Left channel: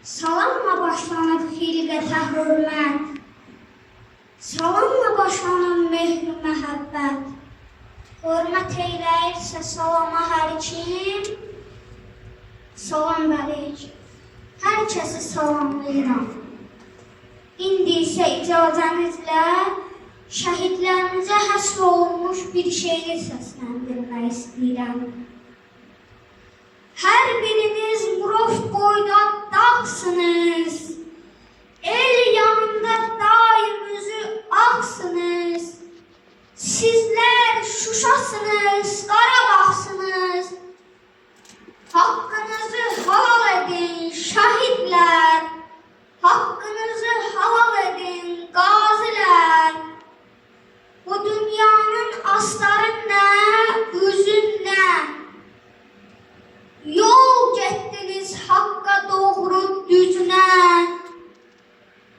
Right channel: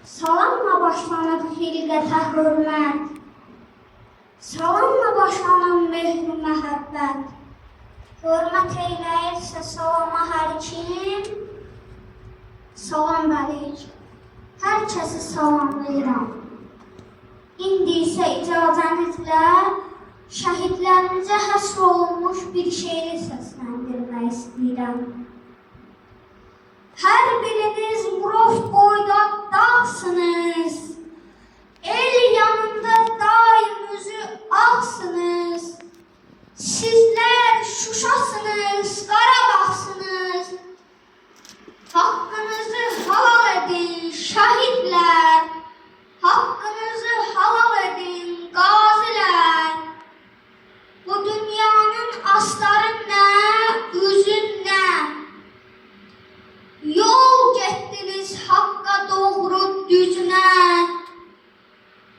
Salamla başlanır xilqətə hörmət, salamla başlanır mehr-i məhəbbət. Hörmət eyləyirsə salama hər kim, salam əleykum. Hər kəsi salamlayıram. İndi isə icazənizlə şəhidlərimizə həsr olunmuş bir şeiri səsləndirmək istəyirəm. Hər biriniz Murov boyda dağsınız, el yanında daim üzü ağsınız. Sizlər Şuşasınız, Qarabağsınız. Haqqınızı halal edin şəhidlər, haqqınızı halal edin qazilər. Bu dünyanın astarı nə, üzün nə? Yol getdiniz haqqa doğru düzünə.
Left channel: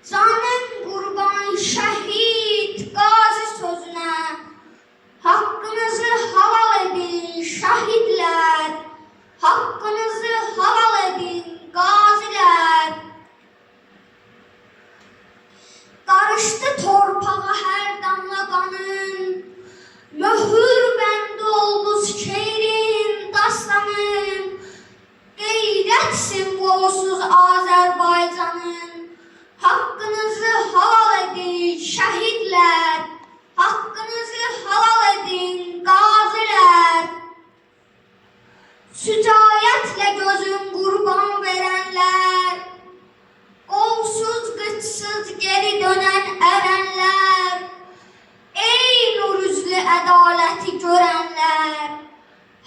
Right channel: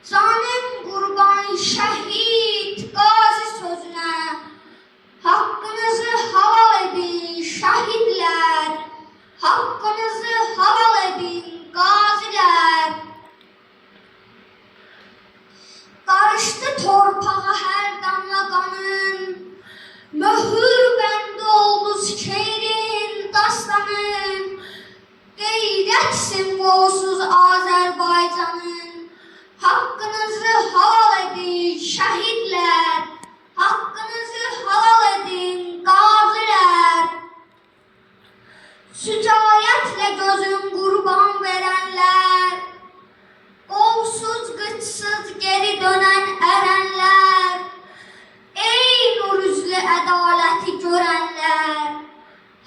Canım qurban şəhid qazi sözünə. Haqqınızı halal edin şəhidlər, haqqınızı halal edin qazilər. Qarışdı torpağa hər damla qanın, möhür bəndi oldu şeirin, dastanın. Qeyrət simvolsuz Azərbaycanın, haqqınızı halal edin şəhidlər, haqqınızı halal edin qazilər. Sücayətlə gözün qurban verənlər, qolsuz qıçsız geri dönən ərənlər, ey nur üzlü ədaləti görənlər,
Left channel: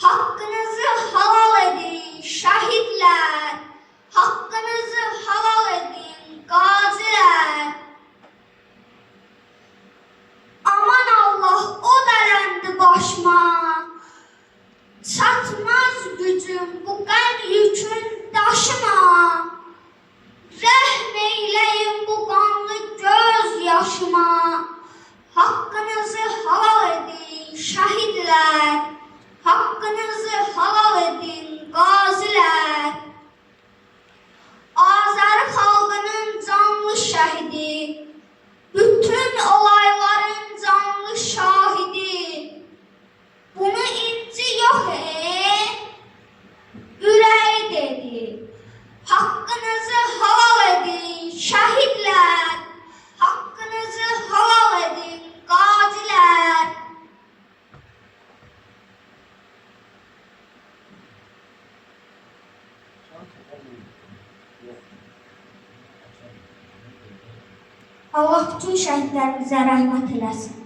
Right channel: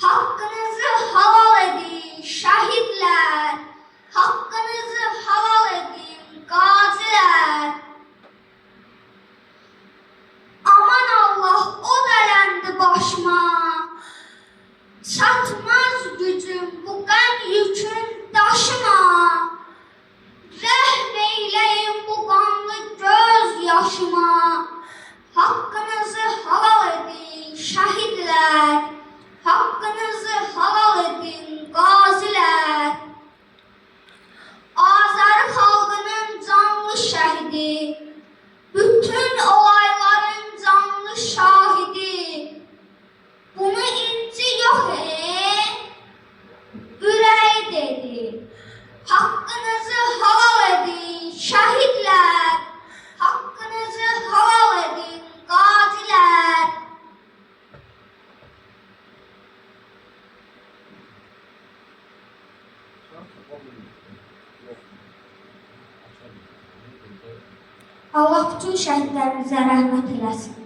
haqqınızı halal edin şəhidlər, haqqınızı halal edin qazilər. Aman Allah o dələndi başıma, çatmaz gücüm bu qəm yükün daşıma. Rəhm eyləyin bu qanlı göz yaşıma, haqqınızı halal edin şəhidlər, haqqınızı halal edin qazilər. Azəri xalqının canlı şəhidi, bütün olayların canlı şahidi. Bunu inci yox ürəyi dedi. Haqqınızı halal edin şəhidlər, haqqınızı halal edin qazilər. Allah bütün şəhidlərimizə rəhmət eləsin.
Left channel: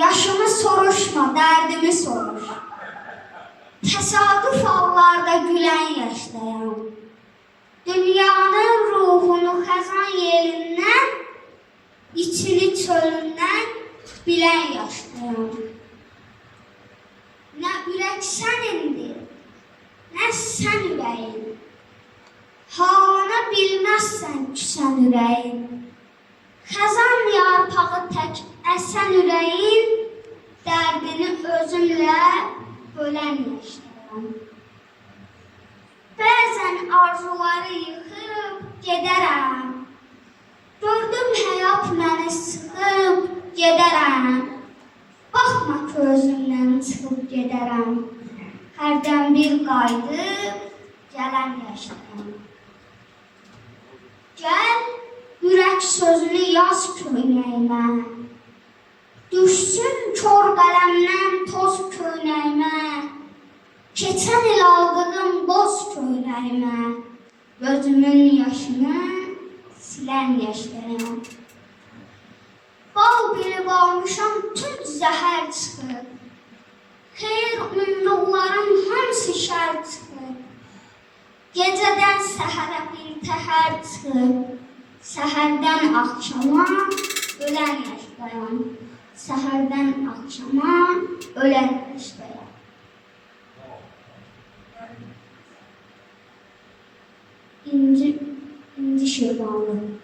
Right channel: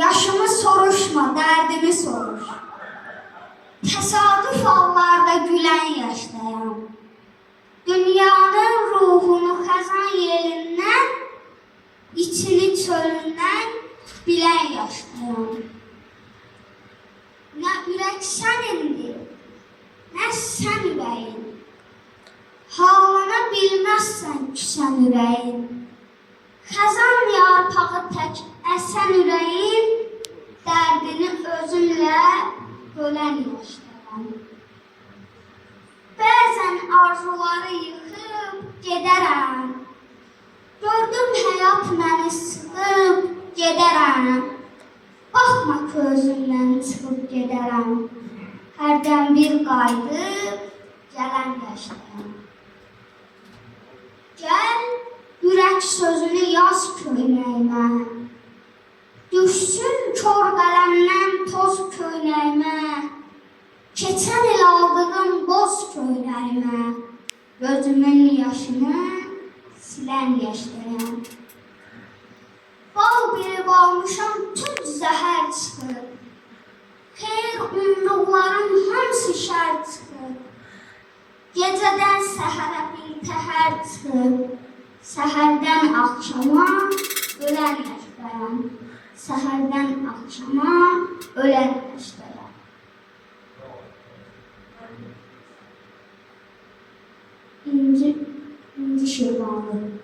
Yaşımı soruşma, dərdimi soruş. Təsadüf hallarda gülən yaşdayam. Dünyanın ruhunu xəzan yelindən, içini çölündən bilən yaşdayam. Nə ürək sənindir, nə sən ürəyin. Halına bilməzsən küsən ürəyin. Xəzan yarpağı tək əsən ürəyin, dərdini özümlə bölən yaşdayam. Bəzən arzuları yıxıb gedərəm, gördüm həyat məni sıxıb gedərəm. Baxma közümdən çıxıb gedərəm, hərdən bir qayıdıb gələn yaşdayam. Gəl, ürək sözünü yaz köynəyimə, düşsün kor qələmdən toz köynəyimə, keçən il aldığım boz köynəyimə, gözümün yaşını silən yaşdayam. Bal biri varmışam tüm zəhər çıxıb, xeyr umduqlarım hamısı şər çıxıb. Gecədən səhərə bir təhər çıxıb, səhərdən axşama ölən yaşdayam. Səhərdən axşama ölən yaşdayam. İnci Şirvanlı.